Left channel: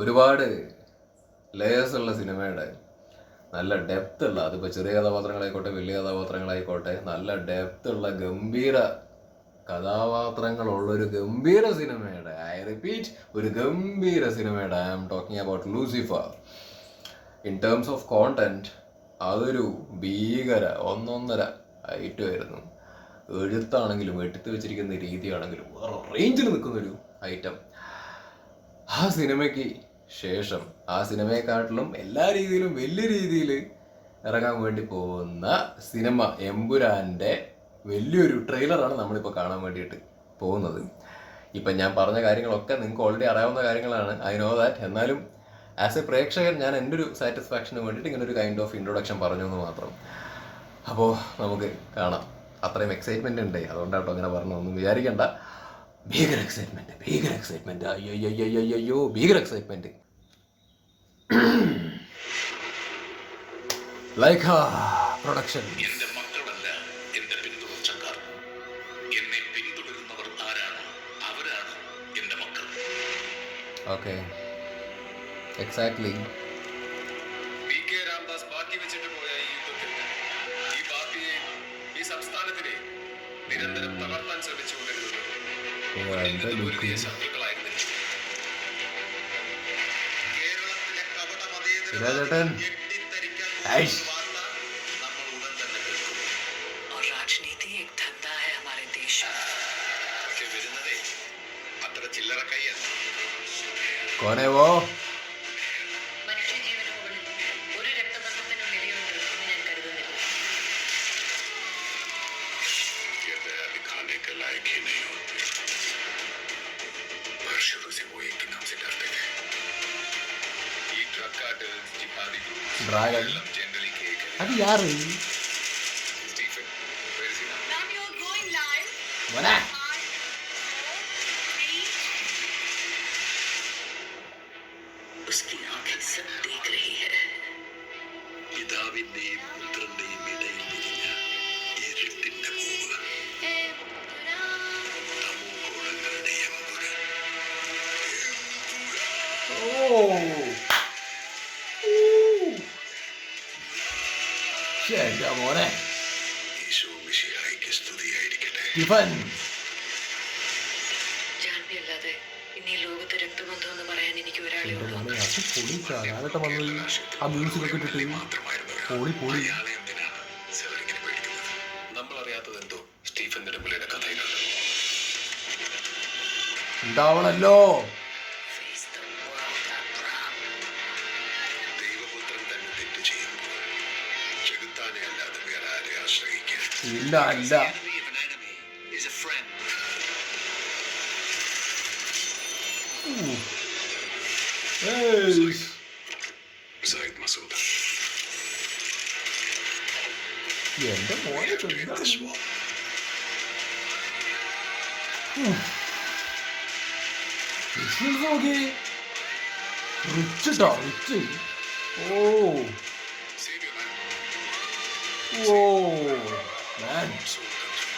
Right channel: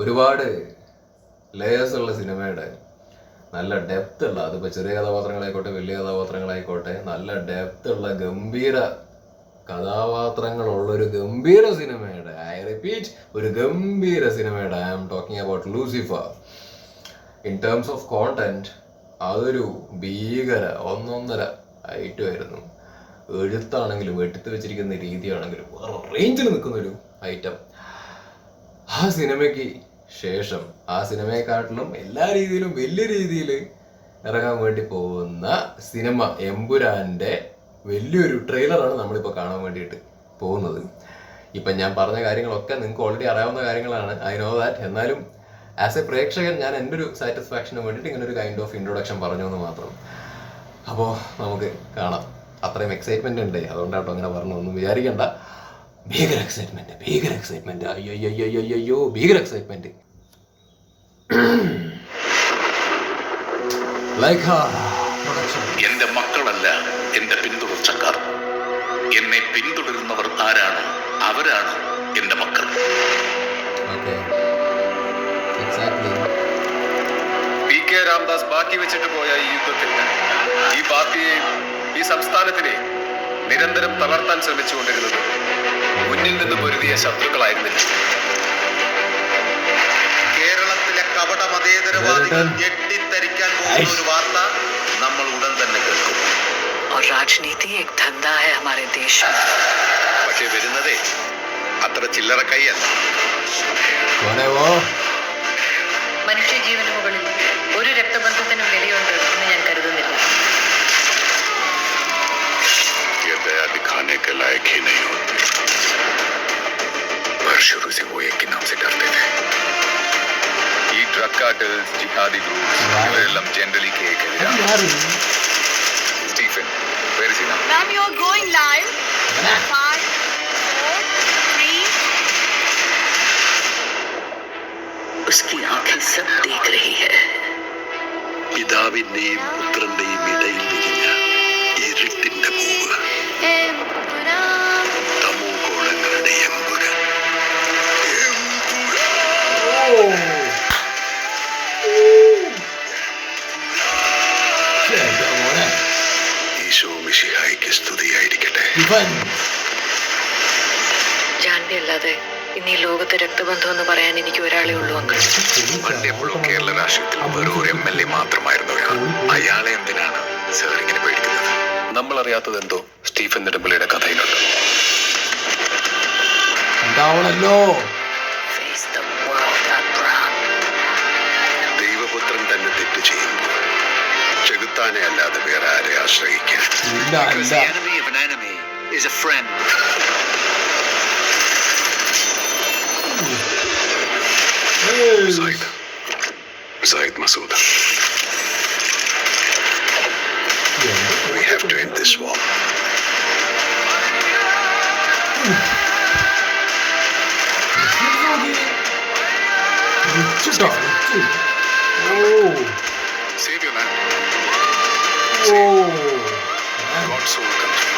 ഒരുപാട് ലേയേഴ്സ് ഉള്ള സിനിമയുടെ നല്ല ഡെപ്ത് ഉള്ള, അതിപ്പോൾ ചെറിയ കഥാപാത്രങ്ങളായിക്കോട്ടെ വലിയ കഥാപാത്രങ്ങളായിക്കോട്ടെ, നല്ല ഡെപ്ത് ഉള്ള ഗംഭീര കഥാപാത്രങ്ങളുള്ളൊരു ഗംഭീര സിനിമയുടെ, ഐ റിപ്പീറ്റ്, ഒരു ഗംഭീര സിനിമയുടെ I am talking about Lucifer. In terms of content അതൊരു ഭീകര ഒന്നൊന്നര ഐറ്റമായിരുന്നു. എഴുത്താണെങ്കിലും എടുത്തു വെച്ചിരിക്കുന്ന രീതിയാണെങ്കിലും വേറെ റേഞ്ചിൽ നിൽക്കുന്നൊരു ഐറ്റം. ആ സിനിമയ്ക്ക് ശേഷം ആ സിനിമയെക്കാട്ടിലും എല്ലാ രീതിയിലും വലിയ രീതിയിൽ ഇറങ്ങാൻ വേണ്ടി പോകുന്ന സിനിമ എമ്പുരാൻ്റെ വലിയൊരു ട്രെയിലറാണ് നമ്മളിപ്പോൾ കാണാൻ വേണ്ടിയിട്ട് പോകുന്നത്. ഇപ്പം ഞാൻ പറഞ്ഞ കാര്യങ്ങളൊക്കെ നിങ്ങൾക്ക് ഓൾറെഡി അറിയാവുന്ന കാര്യങ്ങളാണ്, ഐ നോ ദാറ്റ്. എന്നാലും ആസ് എ പ്രേക്ഷകൻ ഞാൻ എൻ്റെ ഒരു സാറ്റിസ്ഫാക്ഷന് വേണ്ടിയിട്ട് ഇങ്ങനെ ഒരു കൈൻഡ് ഓഫ് ഇൻട്രൊഡക്ഷൻ പറഞ്ഞു എന്ന് മാത്രം. അപ്പോൾ നമുക്ക് കാണാം. അത്രയും എക്സൈറ്റ്മെൻ്റ് ഉണ്ട്, അതുകൊണ്ടാട്ടോ അങ്ങനെ പറഞ്ഞു, ഒന്നും വിചാരിക്കണ്ട. ഭീകര എക്സൈറ്റ്മെൻറ്റ് അയ്യോ ഭീകര എക്സൈറ്റ്മെൻറ്റ്. എന്റെ മക്കളല്ല എന്റെ പിന്തുടർച്ചക്കാർ. എന്നെ പിന്തുടരുന്നവർ ആരാണ്, അവരാണ് എന്റെ മക്കൾ. പി കെ രാംദാസ് ബാക്കി വെച്ചിട്ട് പോയ ഈ യുദ്ധത്തിൽ ഈ പാർട്ടിയെയും ഈ സംസ്ഥാനത്തിനെ നിരന്തരം തളർത്താൻ ശ്രമിച്ചുകൊണ്ടിരുന്നത് മുന്നിൽ നിന്ന് പൊരുതിയ ശത്രുക്കളായിരുന്നില്ല. കേരളത്തിലെ കപട മതേതരവാദികൾ ഞെട്ടിത്തരിക്കാൻ പോകുന്ന ഒരു വാർത്ത നമ്മൾ ഉടൻ തന്നെ കേൾക്കും. പക്ഷെ വരുന്നതേ അത്ര ചില്ലറ കൈയല്ല. മനുഷ്യജീവന് മുകളിൽ ഒരു രക്തബന്ധത്തിനും വിലയുണ്ട് എന്ന് ഞാൻ കരുതുന്നില്ല. दिखाने के लायक ही नहीं होते, पर शुरू से वो एक ही नाम से डरते थे. ഈ ഡ്രഗ് കാർട്ടൽസ്, ജിഹാദി ഗ്രൂപ്പ്സ് ഇവരെല്ലാം ജനറലി കേൾക്കുന്നത് Stephen where is he now? Ma'am, you are going live. 5, 4, 3. उसकी आंखें सब देख रही है. പിതാവിന്റെയും പുത്രന്റെയും ഇടയിൽ വിരിഞ്ഞ ഇരുട്ടിന്റെ പൂവ്, തമോഗോളങ്ങളുടെ എമ്പുരാൻ. ഈശോ മിശിഹായിക്ക് സ്തുതിയായിരിക്കട്ടെ. ജാൻവി അല്ലാതെ ഇന്ന് ഈ ലോകത്തെ രക്തബന്ധം എന്ന് പറയാൻ എനിക്ക് ഒരാളെ ഉള്ളൂ അങ്കിൾ. പണ്ടെപ്പോഴും കേരള രാഷ്ട്രീയത്തിൽ വെറും ഒരു MLA മാത്രമായിരുന്നു ഒരാൾ. അയാളെ എന്തിനാണ് സാർ ഇങ്ങനെ പേടിക്കുന്നത്? നമ്മൾ അറിയാത്തത് എന്തോ സ്റ്റീഫൻ നെടുമ്പള്ളിയുടെ കഥയിലുണ്ട്. ഉണ്ടാവണല്ലോ. ദൈവപുത്രൻ തന്നെ തെറ്റ് ചെയ്യുമ്പോൾ ചെകുത്താനെ അല്ലാതെ വേറെ ആരെ ആശ്രയിക്കാൻ? Zaid Masouda. We have to end this war. Save your land. God's soul country.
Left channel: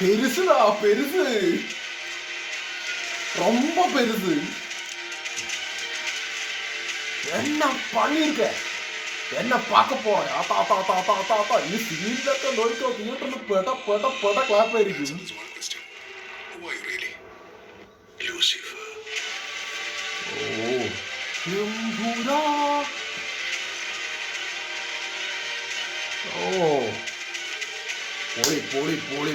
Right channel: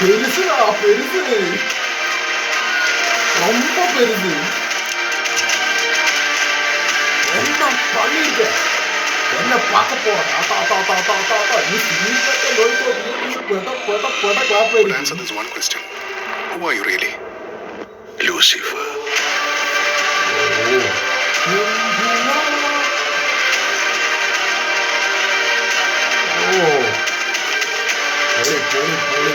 பெருசுடா, பெருசு, ரொம்ப பெருசு. என்ன பண்ணிருக்க? என்ன பார்க்க போற? நீ சீக்கிரத்தை நோய்க்கோ, நீ clap But answer this one question. Who are you really? Lucifer. പോളി.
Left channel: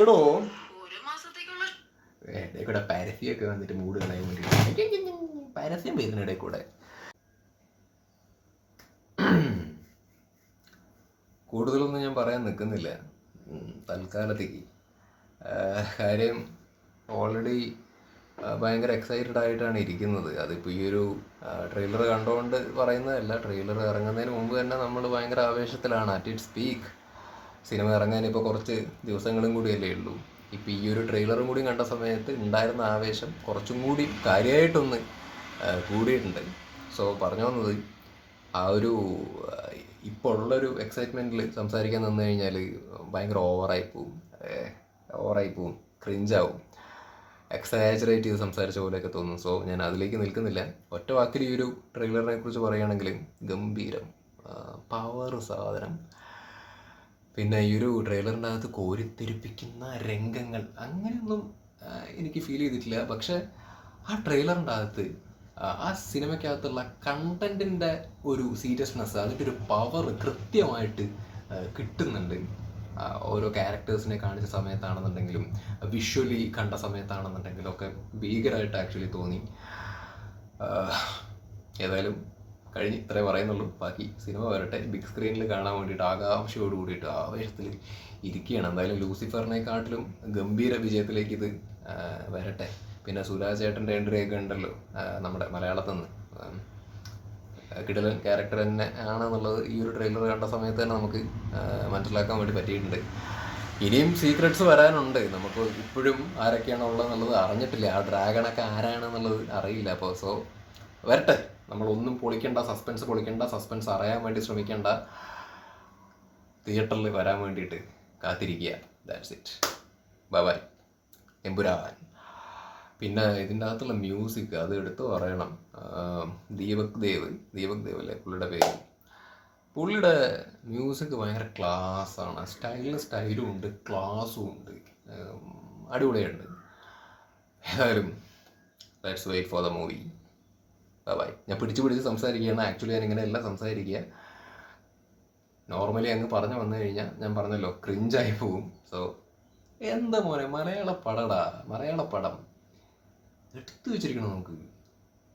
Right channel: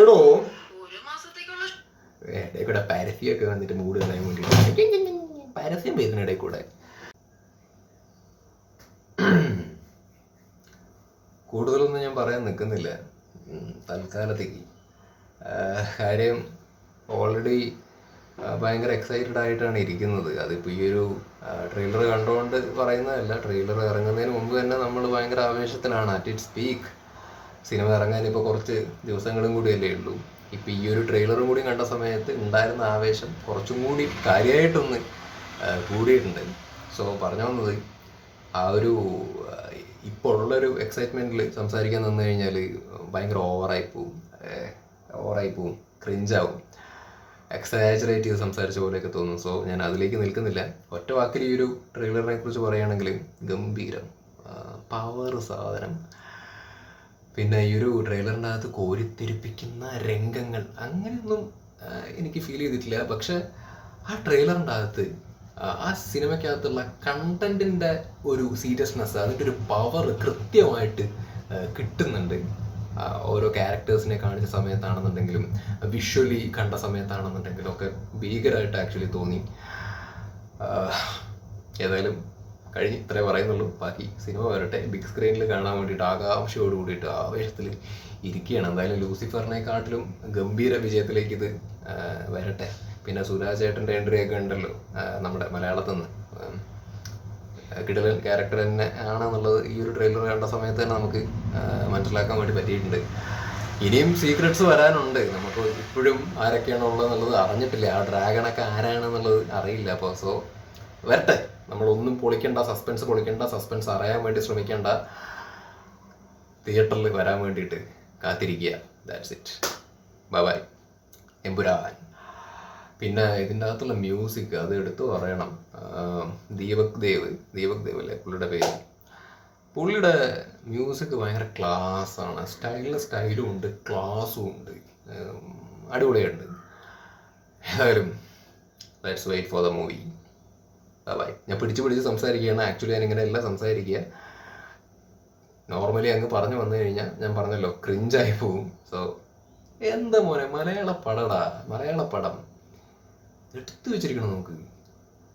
എടോ ഇടയിൽ കൂടെ പരസ്യമൊക്കെ വന്നിട്ട് മൂഡ് കളയാൻ വേണ്ടിയിട്ട് പരസ്യം വരുന്ന ഇടയിൽ കൂടെ. കൂടുതലൊന്നും ഞാൻ പറയാൻ നിൽക്കുന്നില്ല തൽക്കാലത്തേക്ക്. കാര്യം ഓൾറെഡി ഭയങ്കര എക്സൈറ്റഡ് ആയിട്ടാണ് ഇരിക്കുന്നത്. അതിപ്പോൾ ഈ ഒരു ട്രെയിലർ കണ്ടുകൊണ്ട് പറയുന്നതല്ല, ട്രെയിലർ ഇറങ്ങുന്നതിന് മുമ്പ് തന്നെ നമ്മൾ ഭയങ്കര ആവേശത്തിലാണ്. At its peak. സിനിമ ഇറങ്ങാൻ ഇപ്പോൾ കുറച്ച് ദിവസങ്ങളും കൂടിയല്ലേ ഉള്ളൂ. ഇപ്പോൾ ഈ ഒരു ട്രെയിലറും കൂടി കണ്ട സമയത്ത് ഉണ്ടായിരുന്ന ആവേശം കുറച്ചും കൂടി കാര്യമായിട്ടൊന്ന് കൂടിയിട്ടുണ്ട്. സോ പറഞ്ഞു വന്നത്, ആ ഒരു ഇപ്പോൾ ഉള്ളൊരു എക്സൈറ്റ്മെൻറ്റിൽ സംസാരിക്കാൻ നിന്ന് കഴിഞ്ഞാൽ ഭയങ്കര ഓവറായി പോവും, ക്രിഞ്ചാവും, എക്സാജറേറ്റ് ചെയ്ത് സംസാരിച്ച പോലെയൊക്കെ തോന്നും. സോ ഞാൻ അതിലേക്ക് നിൽക്കുന്നില്ല. ഒറ്റ വാക്കിൽ ഈ ഒരു ട്രെയിലറിനെ കുറിച്ച് പറയുകയാണെങ്കിൽ ഗംഭീരം, പവർ സാധനം. പിന്നെ ഈ ഒരു ട്രെയിലറിൻ്റെ അകത്ത് കോരിത്തെരിപ്പിക്കുന്ന രംഗങ്ങൾ അങ്ങനെയൊന്നും എനിക്ക് ഫീൽ ചെയ്തിട്ടില്ല. പക്ഷെ ആ ട്രെയിലറിൻ്റെ അകത്ത് ആ സിനിമയ്ക്കകത്തുള്ള കണ്ടൻറ്റിൻ്റെ ഒരു സീരിയസ്നെസ്, അതിൻ്റെ ഒരു പവർ കൃത്യമായിട്ട് കിട്ടുന്നുണ്ട്. ഓരോ ക്യാരക്ടേഴ്സിനെ കാണിച്ച സമയത്താണെന്നുണ്ടെങ്കിലും വിഷ്വലി കണ്ട സമയത്താണെന്നുണ്ടെങ്കിലും ഒക്കെ ഭീകരമായിട്ട് ആക്ച്വലി തോന്നി. ഏതായാലും കഴിഞ്ഞ് ഇത്രേ പറയുന്നുള്ളൂ. ബാക്കി സിനിമ വരട്ടെ. ബിഗ് സ്ക്രീനിൽ കാണാൻ വേണ്ടിയിട്ട് ആകാംക്ഷയോട് കൂടിയിട്ട് ആവേശത്തിൽ ഇരിക്കുകയാണ്. എന്തായാലും ലൂസിഫറിനെക്കാട്ടിലും ഗംഭീര വിജയത്തിലേക്ക് ഇത് വരട്ടെ. പിന്നെ സുരാജ് ചേട്ടൻ്റെ എൻട്രി ഒക്കെ ഉണ്ടല്ലോ നമ്മുടെ മലയാളത്തിൽ നിന്ന്. കിടിലൻ ക്യാരക്ടർ തന്നെ ആണെന്നുള്ളത് ഈ ഒരു ട്രെയിലർ കണ്ട സമയത്ത് തന്നെ നമുക്ക് മനസ്സിലാക്കാൻ വേണ്ടി പറ്റിയിട്ടുണ്ട്. ഇനിയും സീക്രട്സ് വരാനുണ്ട്. നമുക്ക് ഇപ്പോഴും ആരൊക്കെയാണ് ഉള്ളതെന്നുള്ളത് അറിഞ്ഞിട്ടില്ല. ആ ഡ്രാഗണൊക്കെ ആരാണെന്നുള്ളത് അറിയില്ല. അപ്പോൾ സോ വരട്ടെ. നമ്മളൊന്നും പൊളിക്കണ്ട, സസ്പെൻസ് അറിയാൻ വേണ്ടി ശ്രമിക്കേണ്ട, തിയേറ്ററിൽ വരാൻ വേണ്ടിയിട്ട് കാത്തിരിക്കുക. That's it. ബൈ. എമ്പുരാൻ. പിന്നെ ഇതിൻ്റെ അകത്തുള്ള മ്യൂസിക് അത് എടുത്തു പറയണം. ദീപക് ദേവ് അല്ലേ പുള്ളിയുടെ പേര്. പുള്ളിയുടെ മ്യൂസിക് ഭയങ്കര ക്ലാസ്സാണ്. സ്റ്റൈലും ഉണ്ട്, ക്ലാസ്സും ഉണ്ട്, അടിപൊളിയുണ്ട്. ഏതായാലും let's wait for the movie. Bye. ഞാൻ പിടിച്ച് സംസാരിക്കുകയാണ്. ആക്ച്വലി ഞാൻ ഇങ്ങനെയല്ല സംസാരിക്കുക. നോർമലി അങ്ങ് പറഞ്ഞു വന്നു കഴിഞ്ഞാൽ ഞാൻ പറഞ്ഞല്ലോ ക്രിഞ്ചായി പോവും. സോ എന്താ മോനെ, മലയാള പടം എടുത്തു വെച്ചിരിക്കണം. നമുക്ക്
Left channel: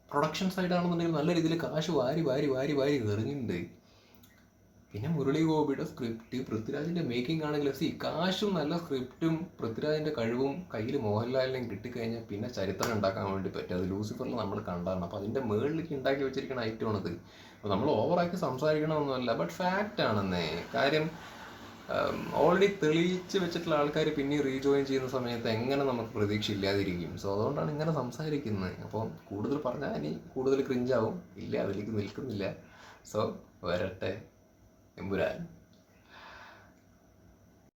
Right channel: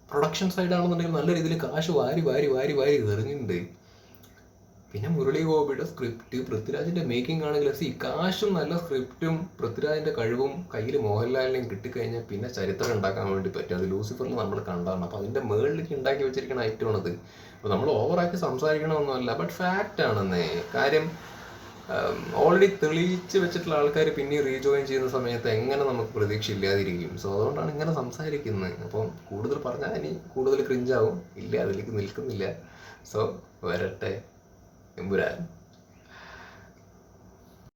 പ്രൊഡക്ഷൻ സൈഡാണെന്നുണ്ടെങ്കിൽ നല്ല രീതിയിൽ കാശ് വാരി എറിഞ്ഞിട്ടുണ്ട്. പിന്നെ മുരളി ഗോപിയുടെ സ്ക്രിപ്റ്റ്, പൃഥ്വിരാജിൻ്റെ മേക്കിംഗ് ആണെങ്കിൽ കാശും നല്ല സ്ക്രിപ്റ്റും പൃഥ്വിരാജിൻ്റെ കഴിവും കയ്യിൽ മോഹൻലാലിനെയും കിട്ടിക്കഴിഞ്ഞാൽ പിന്നെ ചരിത്രം ഉണ്ടാക്കാൻ വേണ്ടി പറ്റും. അത് ലൂസിഫറിൽ നമ്മൾ കണ്ടാണ്. അപ്പോൾ അതിൻ്റെ മുകളിലേക്ക് ഉണ്ടാക്കി വെച്ചിരിക്കുന്ന ഐറ്റമാണത്. അപ്പോൾ നമ്മൾ ഓവറാക്കി സംസാരിക്കണമെന്നല്ല, ബട്ട് ഫാക്റ്റ് ആണെന്നേ. കാര്യം ഓൾറെഡി തെളിയിച്ച് വെച്ചിട്ടുള്ള ആൾക്കാർ പിന്നെ റീജോയിൻ ചെയ്യുന്ന സമയത്ത് എങ്ങനെ നമുക്ക് പ്രതീക്ഷ ഇല്ലാതിരിക്കും. സോ അതുകൊണ്ടാണ് ഇങ്ങനെ സംസാരിക്കുന്നത്. അപ്പം കൂടുതൽ പറഞ്ഞാൽ ഇനി കൂടുതൽ ക്രിഞ്ചാവും. ഇല്ല, അതിലേക്ക് നിൽക്കുന്നില്ല. സോ വരട്ടെ എമ്പുരാൻ.